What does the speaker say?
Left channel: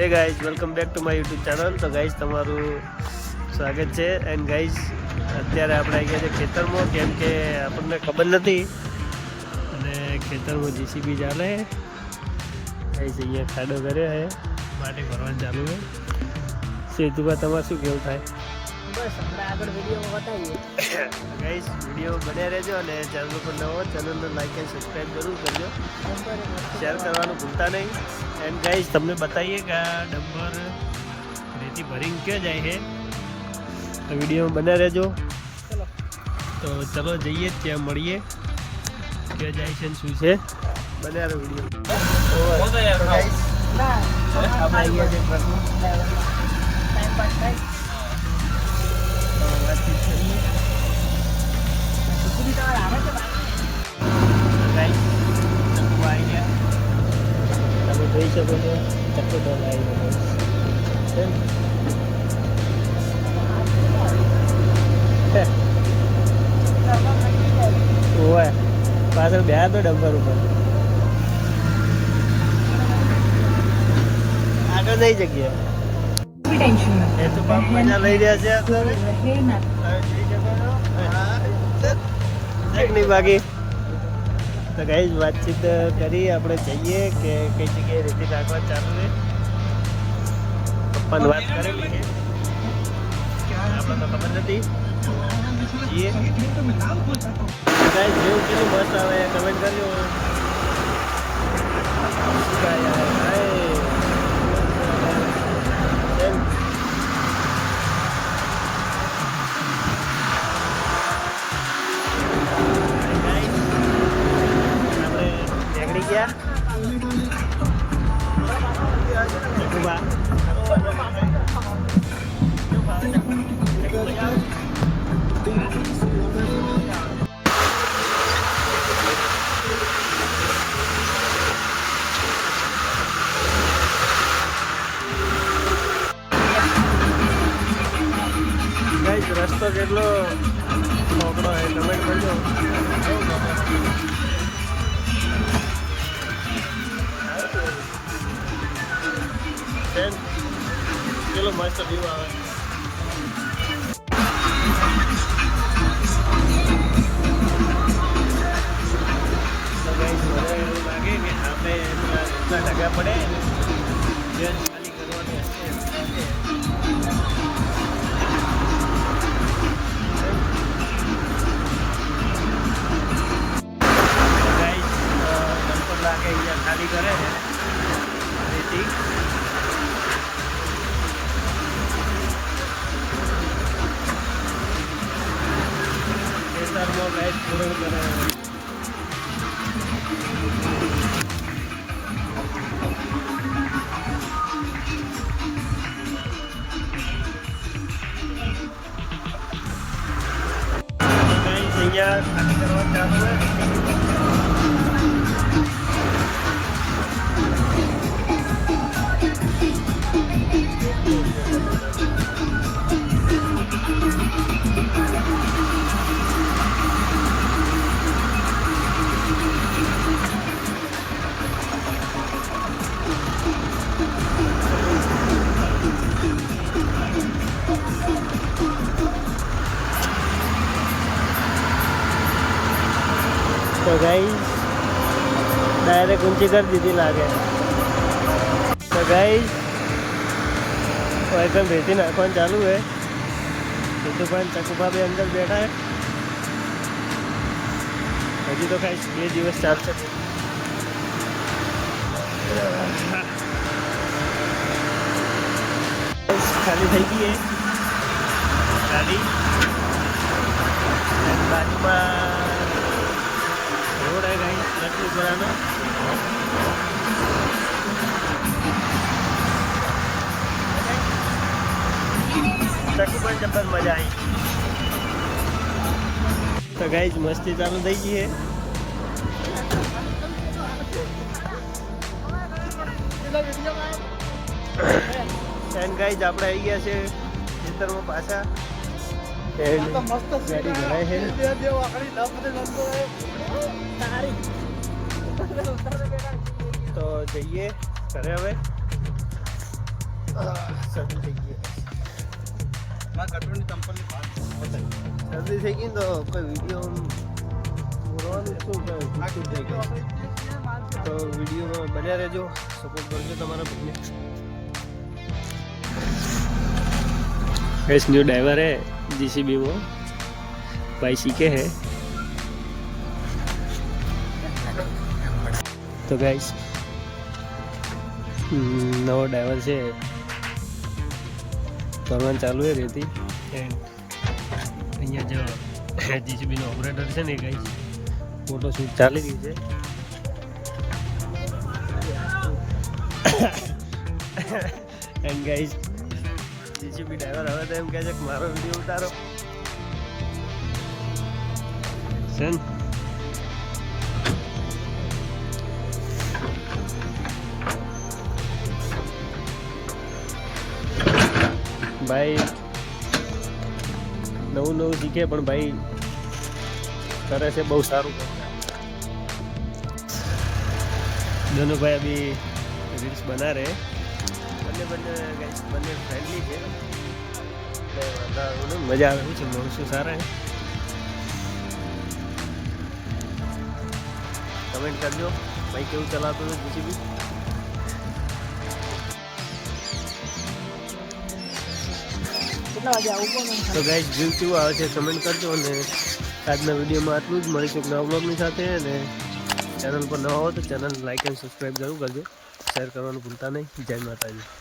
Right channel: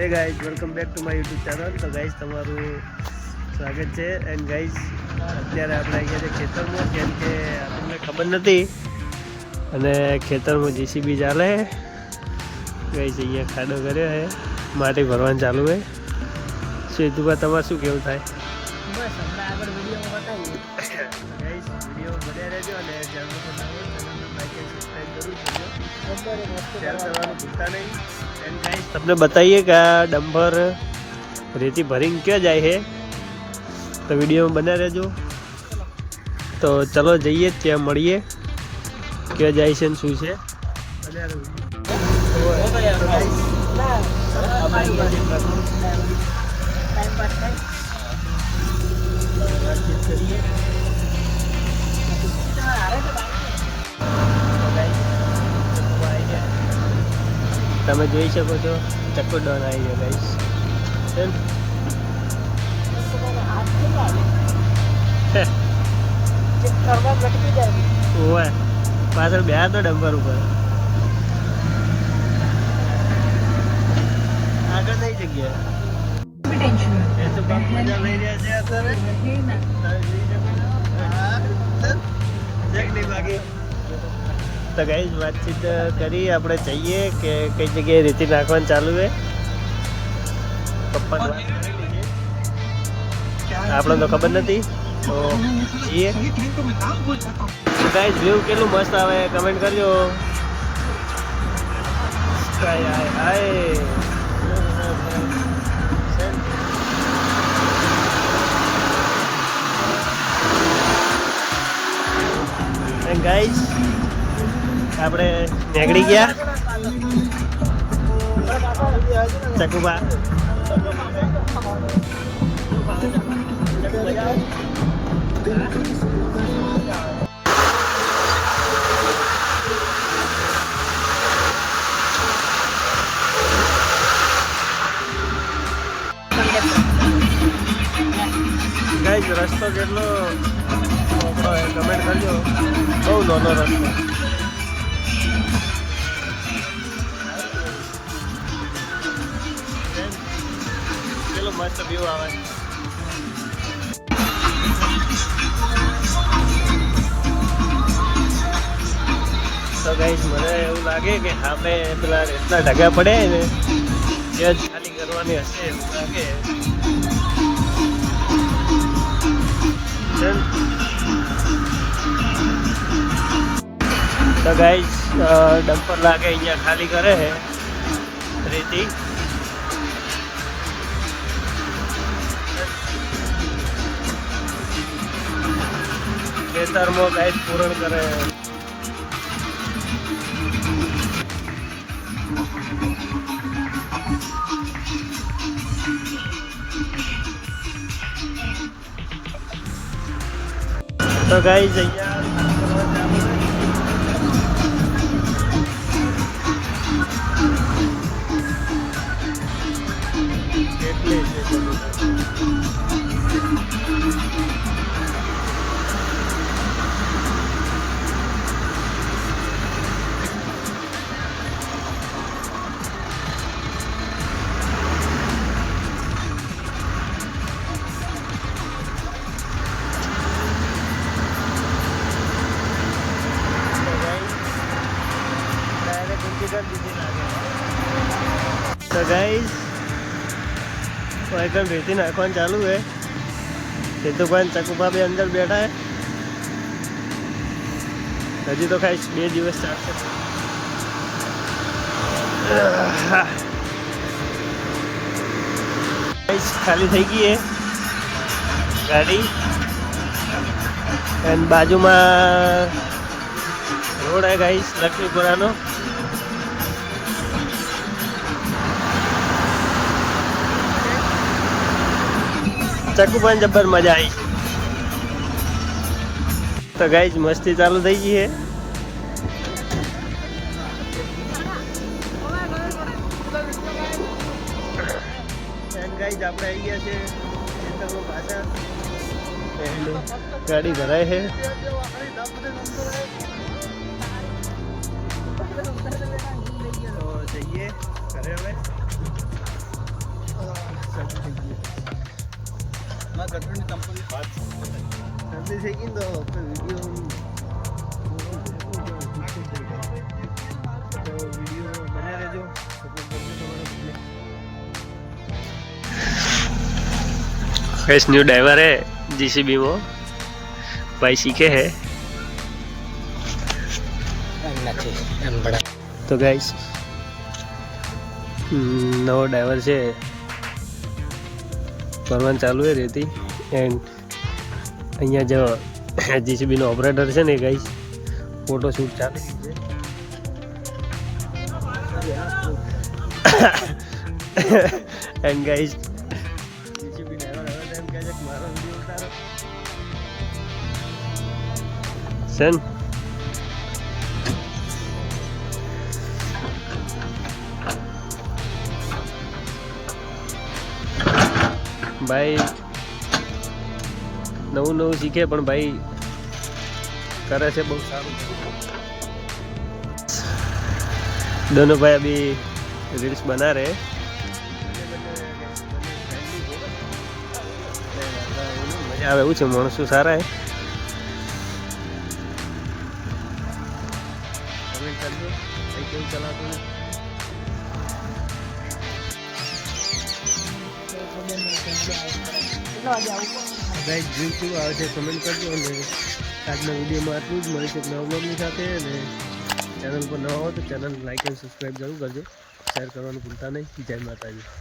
Hey guys, welcome back to my YouTube channel. તો ગાઈઝ તમારું સ્વાગત છે. એન્ડ ગાઈઝ અત્યારે આપણે અહીંયા છે ખેતરમાં, કેમ કે આપણને ખબર નથી અને ખેતરમાં જીસીબી ચાલે. ગાઈઝ અહીંયા ખાડો કર્યો છે, માટી ભરવાનું ચાલુ છે. સીધું તમારે શું કેવું થાય? બસ હમણાં આગળ વિડીયોમાં બતાવીએ. ગાઈઝ વિડીયો બન્યા રહેજો અને ચેનલ પર નવો ચેનલને લાઈક એન્ડ સબસ્ક્રાઈબ જરૂર કરજો. શેર કરવાનું ભૂલતા નહીં. એન્ડ ગાઈઝ તમને બતાવીએ કે આ ડમ્પર રેતી ભરીને ક્યાં જાય છે, તો વિડીયોમાં બન્યા રહેજો. તો ચલો જઈએ, ત્યાં મળીએ ક્યાં જાય છે ને શું છે. બન્યા રહો વિડીયો. તમે જોઈ શકો છો ચક્કો ડોલ આવી ગયો ગાઈસ. ઓય પાછળ બે તો ડમ્પર ઉપર આગળ નહીં જગ્યા એ તો બાપ મજા લઈ રહ્યા છે અત્યારે. નહીં બાકી તો ગાઈઝ વાતચીત કરી, આપણે જઈએ કે કઈ જગ્યાએ રેતી નાખવાનું ચાલુ છે. પપ્પાને વાત કરેલી છે, આપણે તો ખબર નથી. તો જઈએ ગાઈઝ. વ્યૂ કેટલું મસ્ત આવે કમેન્ટ કરજો. હાય હાય હાય ગાઈઝ આપણે નીકળી ગયા ચકુબા. ગાઈઝ રસ્તો કેટલો મોકળો હોય કમેન્ટ કરજો. બહુ નાનો રસ્તો. ચલો મસ્ત વ્યૂ આવે. તો ગાઈસ મને એવું લાગે કે આપણે પેલા એટલા ઢગા પડે ને એ જ ખાલી કરવાની હશે. તો ગાઈસ ડમ્પર લાગે અહીંયા ખાલી કરે છે રેતી. ખેતરમાં ગાઈસ પૂરણ કરે. તો ગાઈસ અહીંયા કરવા ચાલુ હોય. એટલે છે બધું. ઊંચી કરી દીધી લાગે. તો ગાઈસ એકદમ રેતી નાખવાનું ચાલુ છે. સિદ્ધુભાઈ ચકુભા બે અંદર બેઠા છે. હજી તો ખાઈ 2 દિવસ ચાલશે. ખાલી થઈ ગઈ છે ગાડી અને બાજુમાં રોડ है गाइस लक्ष्मीपुराનો. ચકુભાઈ જબર મજા આવી. તો ગાઈસ મસ્તી ચાલુ થઈ ગઈ છે. એન્ડ ગાઈસ આપણે આવી ગયા છે ખેતરમાં પાછા. એન્ડ ગાડી ભરાય છે. તો જઈએ ઘરે હવે. શરદી થઈ ગઈ શરદી થઈ ગઈ ને તો કોઈ વિડીયો બોલવાનું શું થઈ જાય તો વિડીયો બન્યા રહેજો સપોર્ટ કરજો તમારા પબ્લિક गैस न्यू ड्राइवर है जीसीबी वो भाई सीखे है तो गाइस नવો ડ્રાઈવર છે કરવાનું ચાલુ છે રેતી એન્ડ અહીંયા જો જીસીબીનો ઓપરેટર છે ને ગાઈસ ફોટો શૂટ ચાલી ગયું છે એન્ડ ગાઈસ જીસીબી ડ્રાઈવર હવે તો એમ કહે છે કે મારો વિડીયો ઉતારો સન ભાઈ નવું નવું શીખે પણ ભાઈ કરે છે બહુ સારું दोनों भाई अभी रील्स बना रहे બંને ફ્રેન્ડલી છે કંઈ વાંધો આવે નહીં મજા આવે એવું છે માણસો સારા હે કમેન્ટ કરજો ભાઈ કેવું ચલાવતું છે જીસીબી તો ગાઈસ જીવ કેવું આવે છે કમેન્ટ કરજો અને આજના વિડીયોમાં આટલું જ મળીશું નવા બ્લોગની સાથે અને ચેનલ પર નવા હો તો ચેનલ લાઈક એન્ડ સબસ્ક્રાઈબ જરૂર કરજો શેર કરવાનું ભૂલતા નહીં જય માતાજી